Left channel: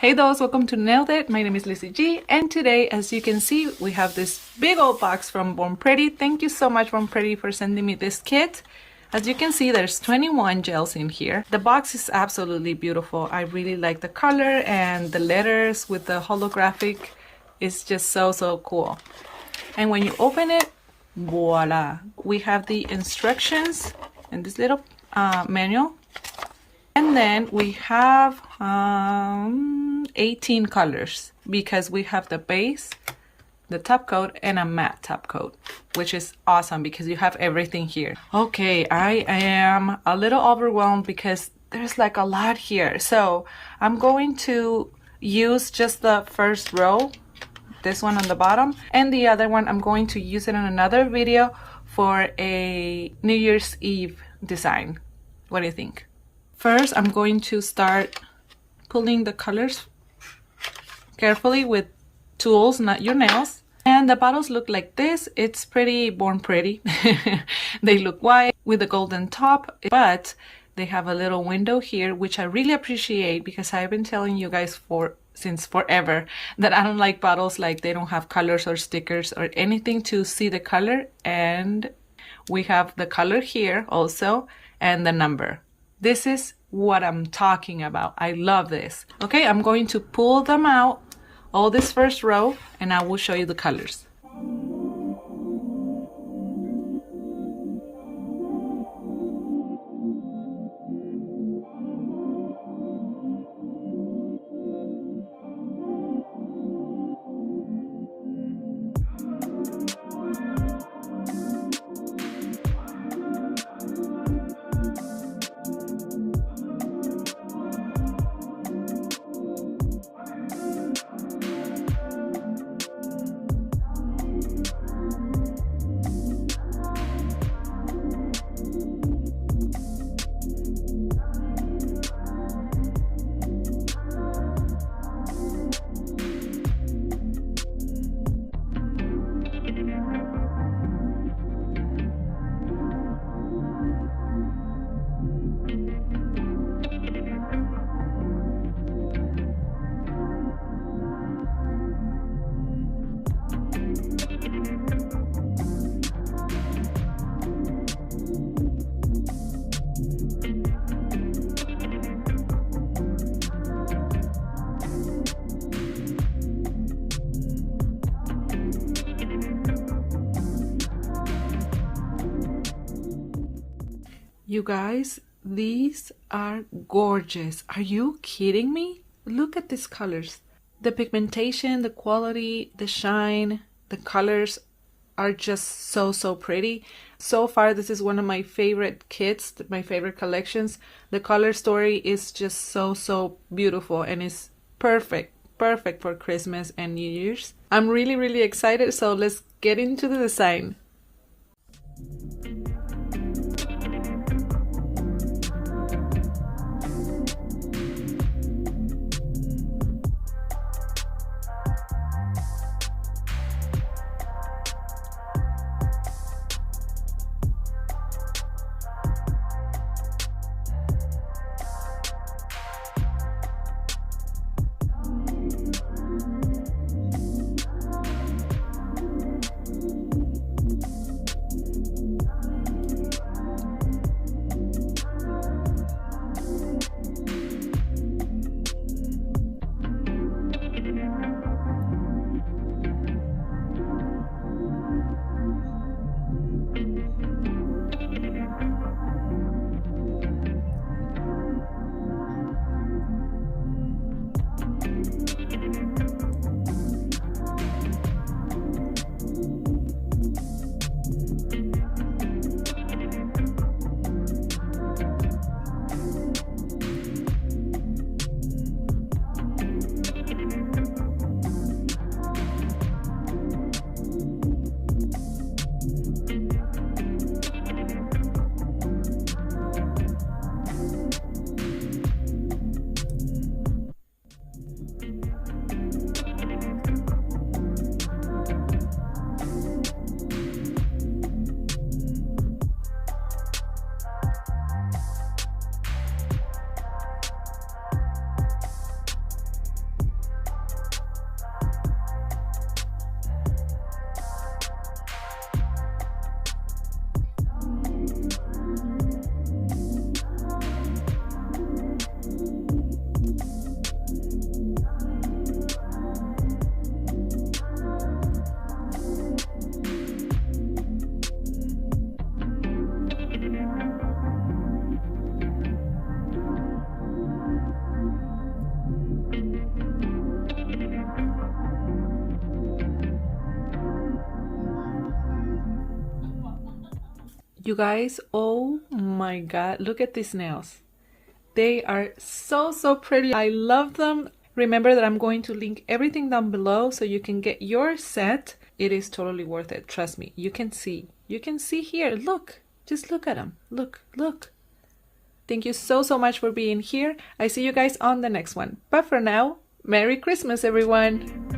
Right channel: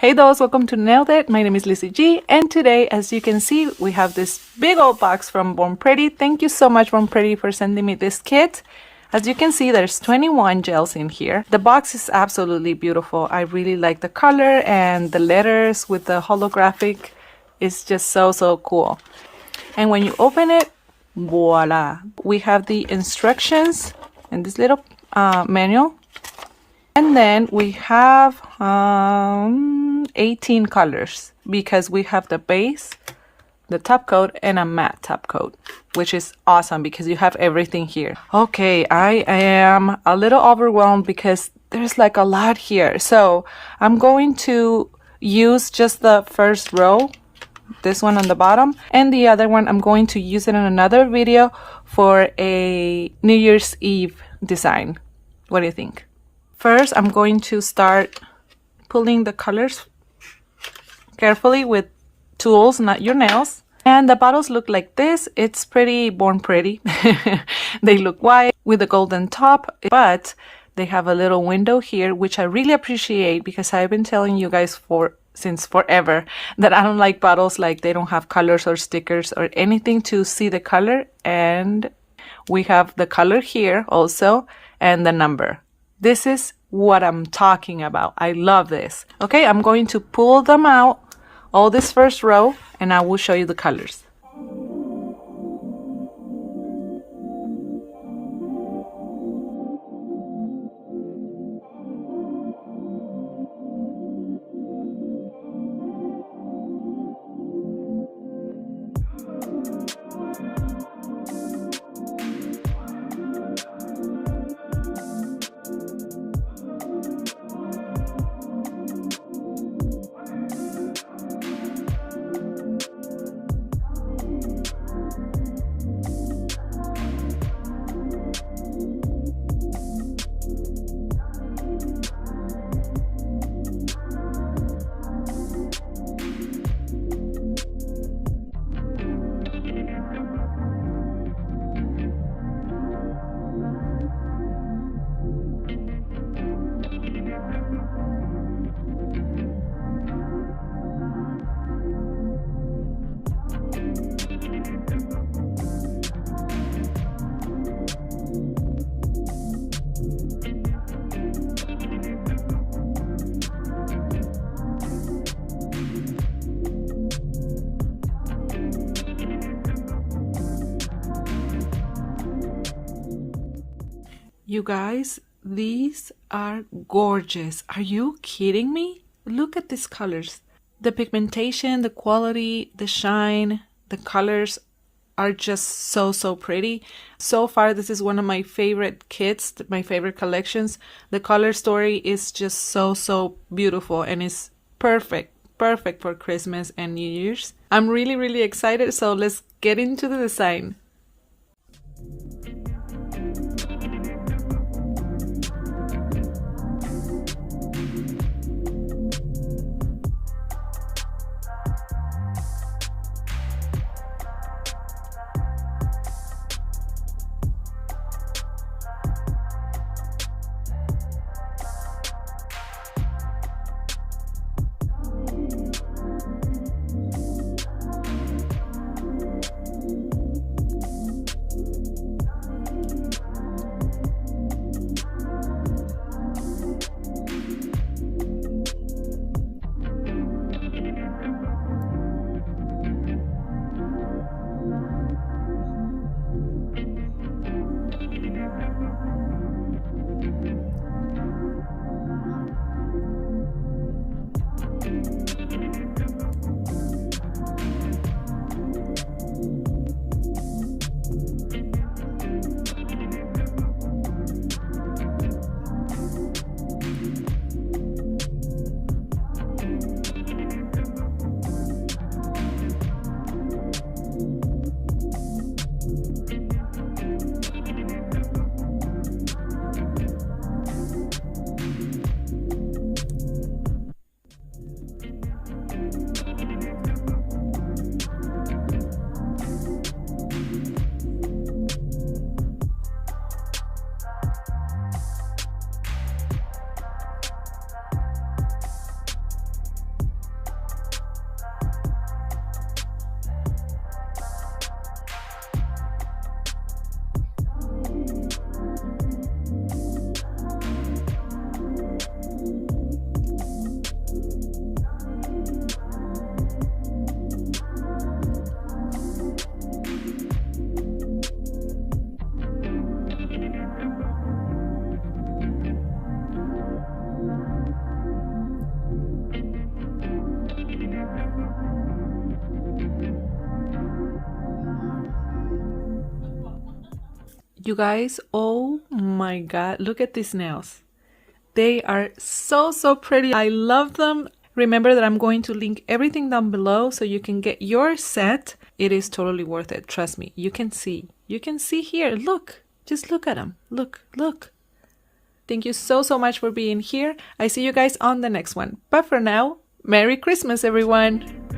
Hey those, welcome to Nailed It. My name is Lizzie G, and today, as you can see, we have this big old box from BORNPRETTY. Thank you so much, BORNPRETTY, for sending me this kit. As you can see, there's 21 gels in here. The box is absolutely beautiful. I really like the color, and the letters with the holographic is just so cool. And when you open it, voila, we have the instructions and this little manual. And then we have 18 colors because we have the base, the top coat, and a matte top coat, which is awesome because you have everything here. Okay, I am a little overwhelmed because there's like a lot here. So I'm going to use just the first row, this one on the bottom, and the other one I'm going to use it in another video for a New Year's Eve design. What do you think? First, I'm going to start pulling the colors carefully with tools, not your nails. And the bottles look like this. It's pretty BORNPRETTY. They look white with a golden top, but they have a little window here, which I really appreciate because I've been telling you guys since forever that I don't like bottles like they don't have colors or stickers or anything to see the color. And we have the color here also and the number. This is what I'm talking about. I love this. Okay, I'm going to pull them out, all this first row, and I will show you the colors. You guys, these are gorgeous. Are you kidding me? Look at these colors. The pigmentation, the quality, the shine, the colors are just so pretty. So far, this is one of my favorite kits, my favorite collections. The color story is just so beautiful and it's perfect for Christmas and New Year's. I'm really excited, so let's get into the design. You guys, oh my God, look at these nails. They are so, so pretty. I love them. Remember that I'm going to link everything down below so you can get your set. It is totally worth it. Trust me. You can see. You can see here. Look. Just look at them. Look. Look. Thank you so, so much for being here. I see you guys on the next one. But for now, Merry Christmas, everyone.